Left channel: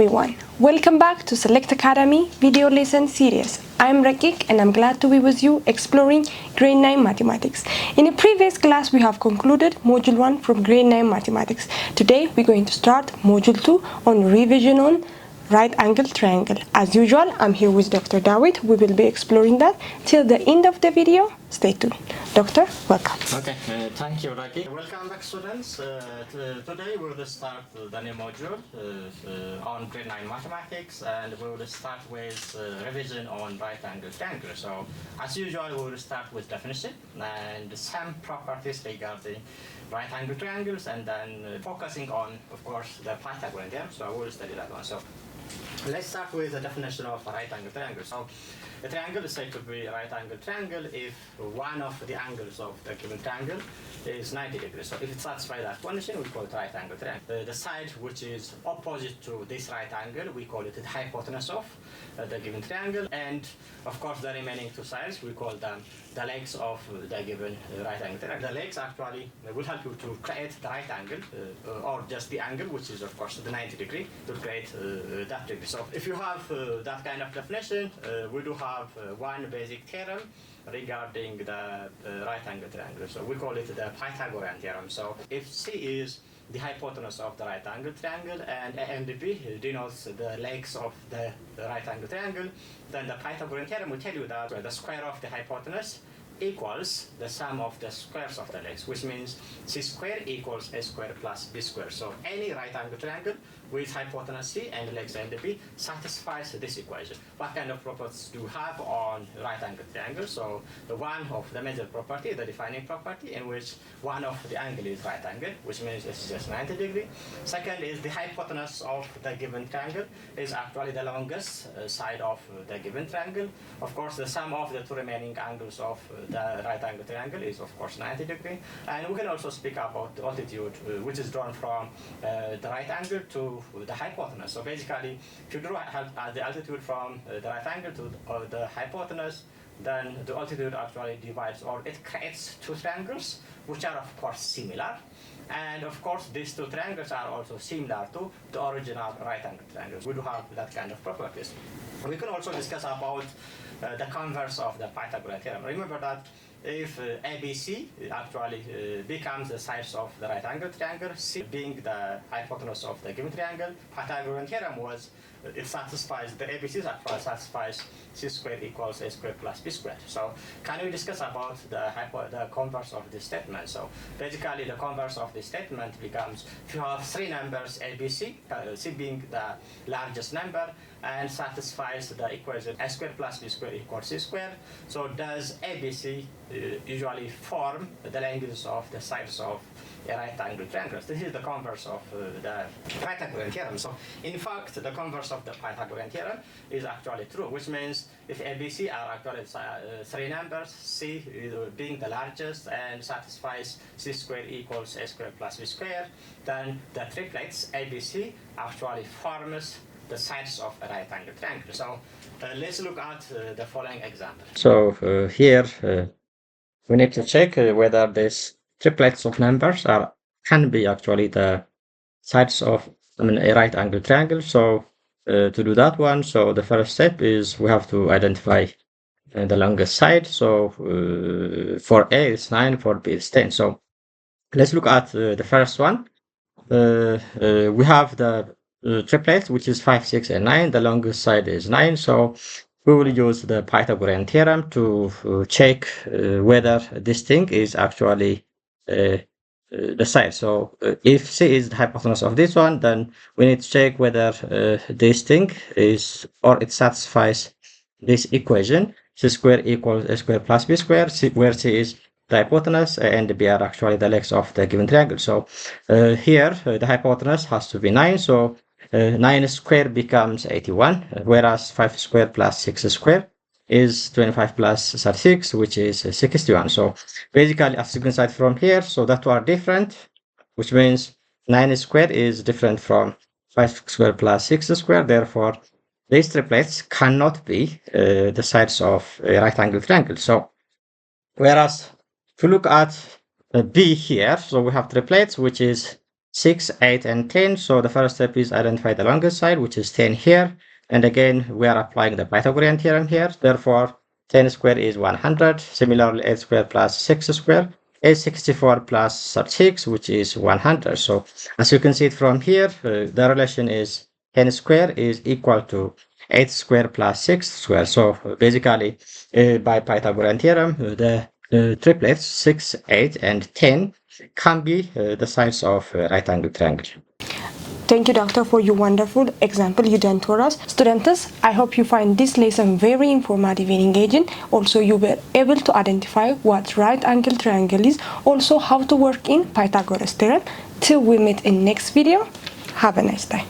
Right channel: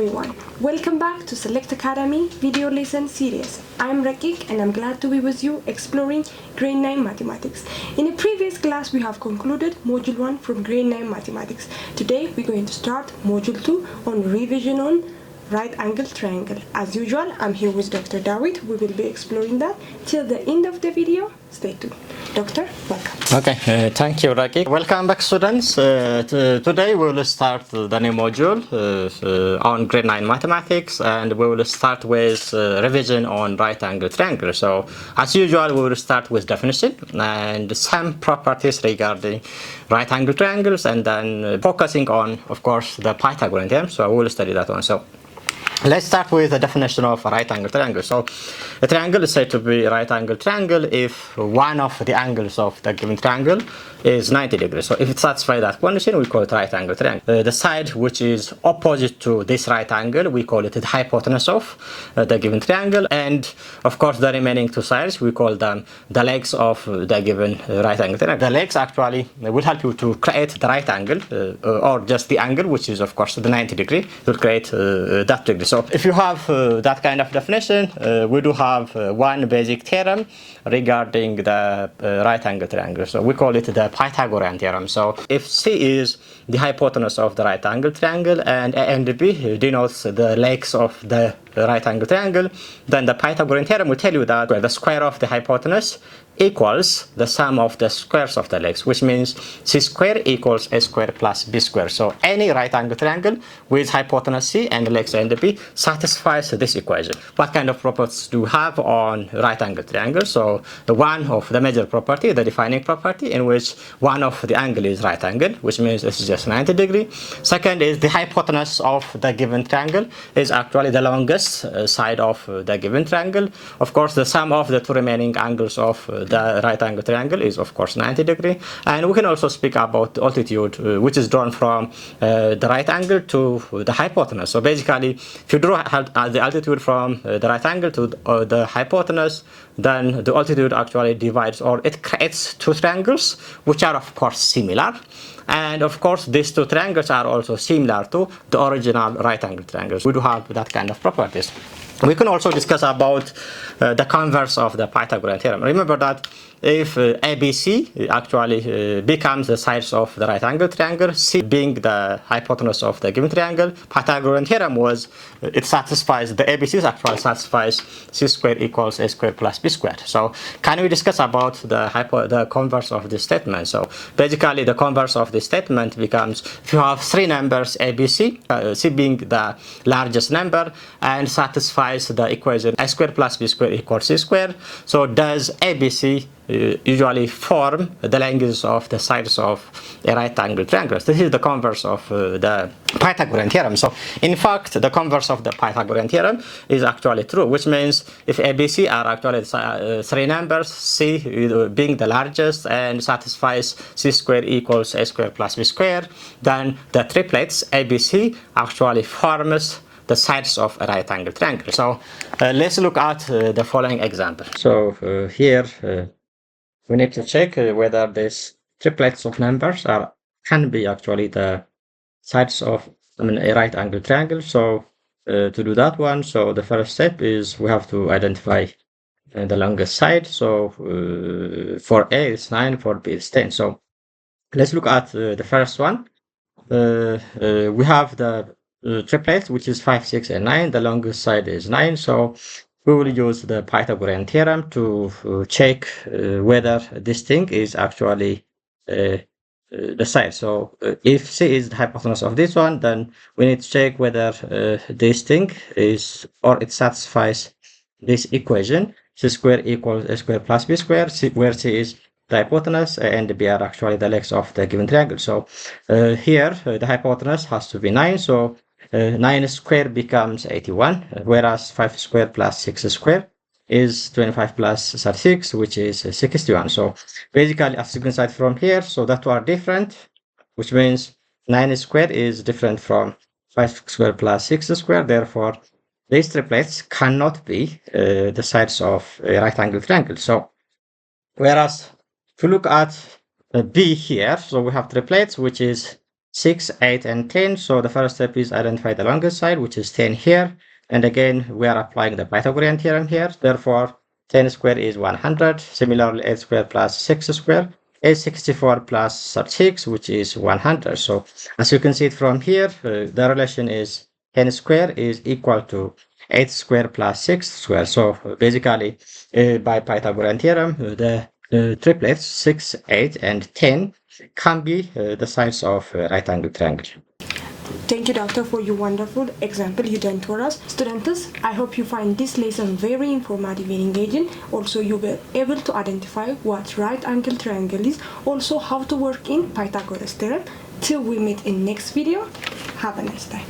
everyone, welcome back to Select Academy video lesson series. I'm Rakik and I'm glad to be with you exploring grade 9 mathematics. In a previous class we have concluded module 1 from grade 9 mathematics. Today we're going to start module 2 on revision on right angle triangle. As usual, I'm here with Dr. Dawit. We will be exploring that till the end of the video. Stay tuned. Doctor, welcome. Okay, thank you, Raki. Welcome back, students. Today we will start the new module on grade 9 mathematics, and we will start with revision on right angle triangle. So, as usual, we will start with definition and some properties regarding right angle triangles, and then focusing on, of course, the Pythagorean theorem. So, we will study that one. So, let's start with the definition of a right angle triangle. So, a triangle is said to be a right angle triangle if one of the angles of the given triangle is 90 degrees. So, if it satisfies that condition, we call it right angle triangle. The side which is opposite to this right angle, we call it the hypotenuse of the given triangle. And, of course, the remaining two sides, we call them the legs of the given right angle triangle. The legs actually will help you to create the right angle or just the angle, which is, of course, the 90 degree, to create that degree. So if you have that kind of definition, we do have one basic theorem regarding the right angle triangle. So we call it the Pythagorean theorem. So if C is the hypotenuse of the right angle triangle and A and B denotes the legs of the right angle triangle, then the Pythagorean theorem will tell you that the square of the hypotenuse equals the sum of the squares of the legs, which means C square equals A square plus B square. So any right angle triangle with hypotenuse C and legs A and B satisfies this equation. What kind of properties do we have on right angle triangle? So the one of the major property, the defining property, in which one of the angle is right angle, which means this is just 90 degree. Second is the hypotenuse of the given triangle is actually the longest side of the given triangle. Of course, the sum of the two remaining angles of the right angle triangle is, of course, 90 degree. And we can also speak about the altitude, which is drawn from the right angle to the hypotenuse. So basically, if you draw the altitude from the right angle to the hypotenuse, then the altitude actually divides, or it creates two triangles, which are, of course, similar. And of course, these two triangles are also similar to the original right angle triangles. We do have that kind of properties. We can also discuss about the converse of the Pythagorean theorem. Remember that if ABC actually becomes the sides of the right angle triangle, C being the hypotenuse of the given triangle, Pythagorean theorem was it satisfies the ABCs actually satisfies C square equals A square plus B squared. So can we discuss about the converse of this statement? So basically the converse of this statement becomes if you have three numbers ABC, C being the largest number and satisfies the equation A square plus B square equals C square. So does ABC usually form the lengths of the sides of a right angle triangle? This is the converse of the Pythagorean theorem. So in fact, the converse of the Pythagorean theorem is actually true, which means if ABC are actually three numbers, C being the largest and satisfies C square equals A square plus B square, then the triplets ABC actually forms the sides of a right angle triangle. So let's look at the following example. So here we need to check whether these triplets of numbers can be actually the sides of a right angle triangle. So to do that one, so the first step is we have to identify the longest side. So for A is 9, for B is 10. So let's look at the first one. We have the triplets, which is 5, 6, and 9. The longest side is 9. So we will use the Pythagorean theorem to check whether this thing is actually the side. So if C is the hypotenuse of this one, then we need to check whether this thing is, or it satisfies this equation, C square equals A square plus B square, where C is the hypotenuse and B are actually the legs of the given triangle. So here the hypotenuse has to be 9. So 9 squared becomes 81, whereas 5 squared plus 6 squared is 25 plus 36, which is 61. So basically, as you can see from here, so that two are different, which means 9 squared is different from 5 squared plus 6 squared. Therefore, these triplets cannot be the sides of a right angle triangle. So whereas if you look at B here, so we have triplets, which is 6, 8, and 10. So the first step is identify the longest side, which is 10 here. And again, we are applying the Pythagorean theorem here. Therefore, 10 squared is 100. Similarly, 8 squared plus 6 squared is 64 plus 36, which is 100. So as you can see it from here, the relation is 10 squared is equal to 8 squared plus 6 squared. So basically, by Pythagorean theorem, the triplets 6, 8, and 10 can be the sides of a right angle triangle. Thank you, Doctor, for your wonderful example you done for us. Students, I hope you find this lesson very informative and engaging. Also, you were able to identify what right angle triangle is, also how to work in Pythagoras theorem. Till we meet in next video, have a nice day.